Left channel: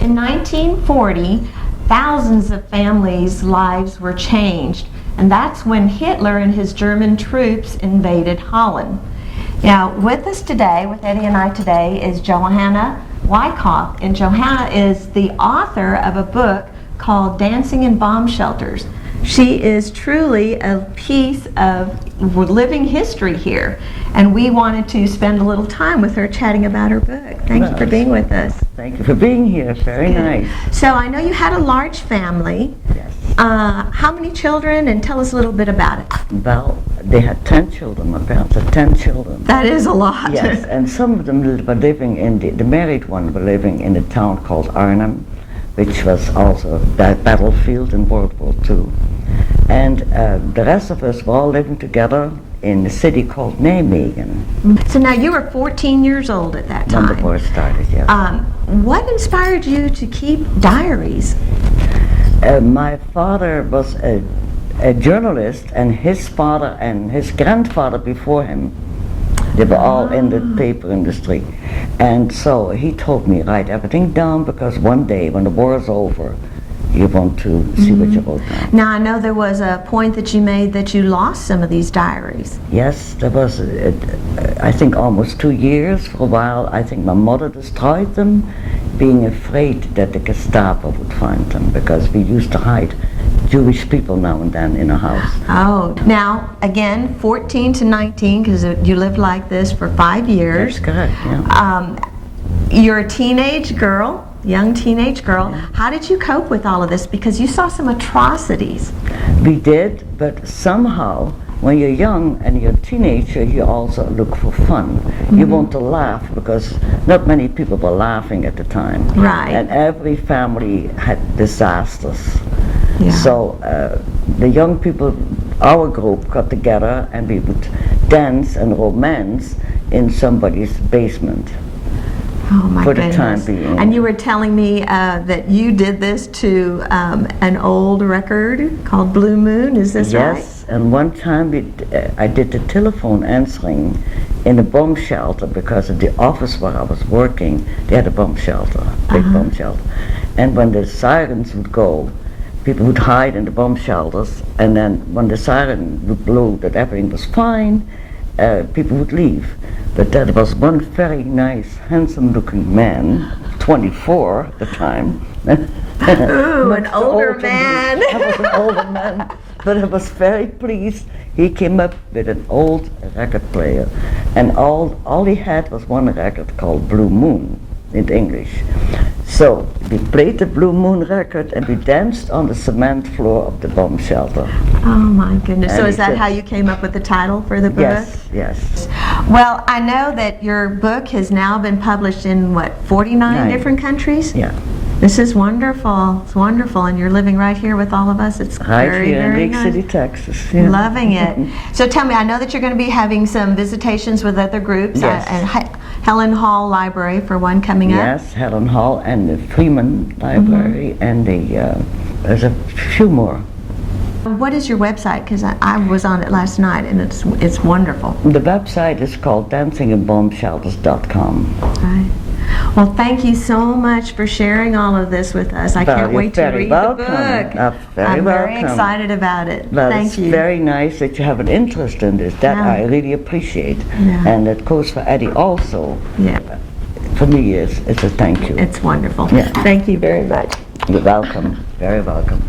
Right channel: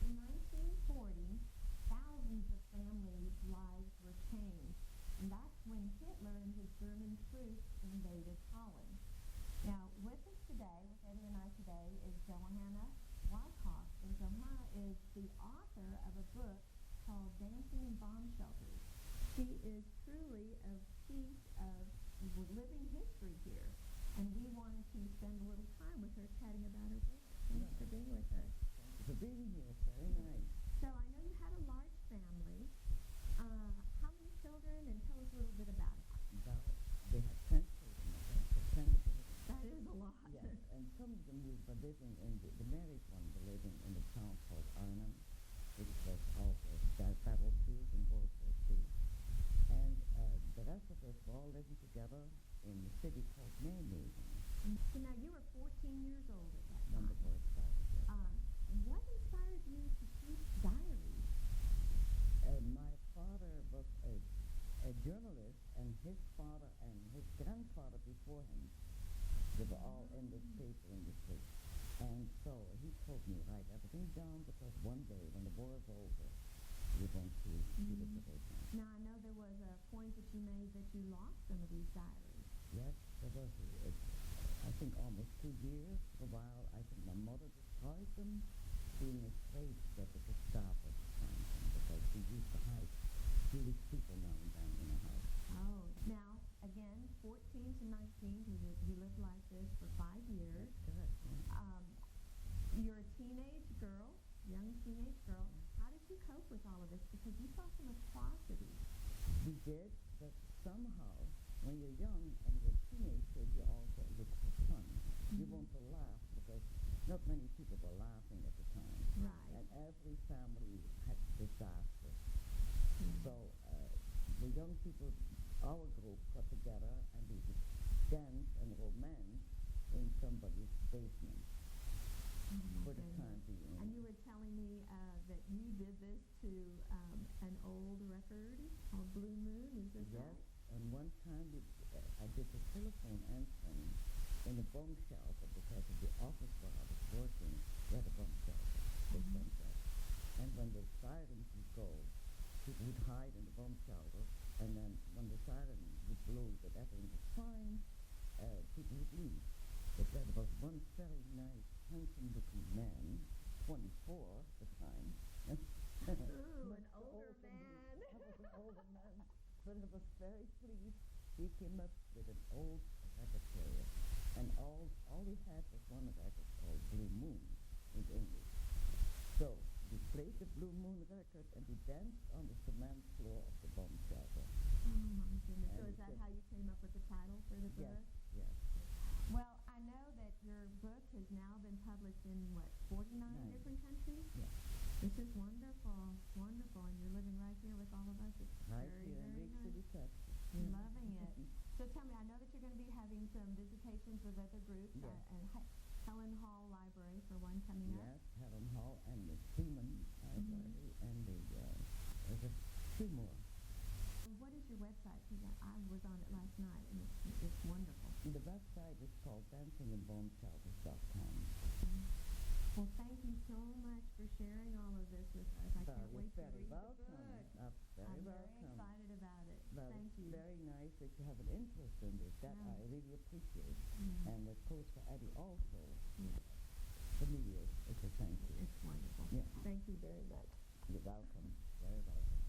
In 1940, thousands of families' lives were changed, and that's when Hitler and his German troops invaded Holland. Now, with us today, with Eddie and I today, is Johanna Wycoff, and Johanna is the author of a book called Dancing in Bomb Shelters. She is truly a piece of living history here, and we wanted to spend a little time with her chatting about her book. Thank you for being with us. Thank you for being here. Very nice. So I know you had a large family. Yes. How many children, and tell us a little bit about it. Well, they had 10 children. My parents had 10 children. That is a lot. Yes, and some of them were living in the married one were living in a town called Arnhem, which was also a battlefield in World War II. And the rest of us were all living together in a city called Nijmegen. So now you were 14 years old at that time. When the war started, yes. What inspired you to keep diaries? My father was a journalist, and his father and his grandfather before him, they were all in the paper industry. And so he told me, write everything down, because one day when the war is over, you want to see what you wrote down. Now I know there was a point that you made that you lost some of these diaries. Yes, there was, I think, almost 2 years. For a while, I think my mother destroyed them, being afraid that the Gestapo would find them, because we used to hide Jewish people now and then in a house. Oh, now again, 14 to 19, because you lived like this for 5 years. That's correct, yeah. You're a teenage girl, young teenage girl. Yeah. How did you cope with all of this? Because you saw some atrocities. We did, but somehow, when you're young and you're a teenager, you also look for fun. You want to laugh, because not many people were laughing at the time. Right. And every family had disasters. Yeah. So the young people, our group, got together and we would dance and romance in somebody's basement. Oh my For goodness. the time being. And you were telling me that you did this to an old record called Blue Moon, is this right? Yes, and one time I did the telephone answering in a bomb shelter, because at the office where I was working, they had a bomb shelter, big bomb shelter. And when the sirens would go, people would hide in the bomb shelters, and then when the siren would blow that everything was fine, people would leave. But there was one very nice, handsome-looking man, 24 at the time. Ooh, an older man. I was an older man, but I was very pleased. He came up with an old record player, and all he had was one record called Blue Moon in English. So we played the Blue Moon record, and we danced on the cement floor of the bomb shelter. Oh my goodness. And So is he that said- how you came up with the title for the book? Yes, yes. Well, I know that your book has now been published in, what, 49 Nine. different countries? Yeah. This is wonderful. It's wonderful, and you're living right here with all of us. It's Right very, here in very Lake nice. City, Texas. Yeah. Loving it. So tell me, I know that you're going to be having some visitations with other groups. Yes. And Helen Hall Library, for one, coming up. Yes, Helen Hall and the Freeman Library, and there's a few more. What is your website? Because I was on it last night, and it's wonderful. The website is called dancinginbombshelters.com. Right. Well, thank you so much for sharing all of this with us. I can't wait to read the book. I'm very excited about it. Well, Thank it's you. very nice that you have an interest in this. That Yeah. I really appreciate. Yeah. And it goes for Eddie also. Yeah, For me, it's a thank you. it's wonderful. Yeah. Thank you very much. You're welcome. Very welcome.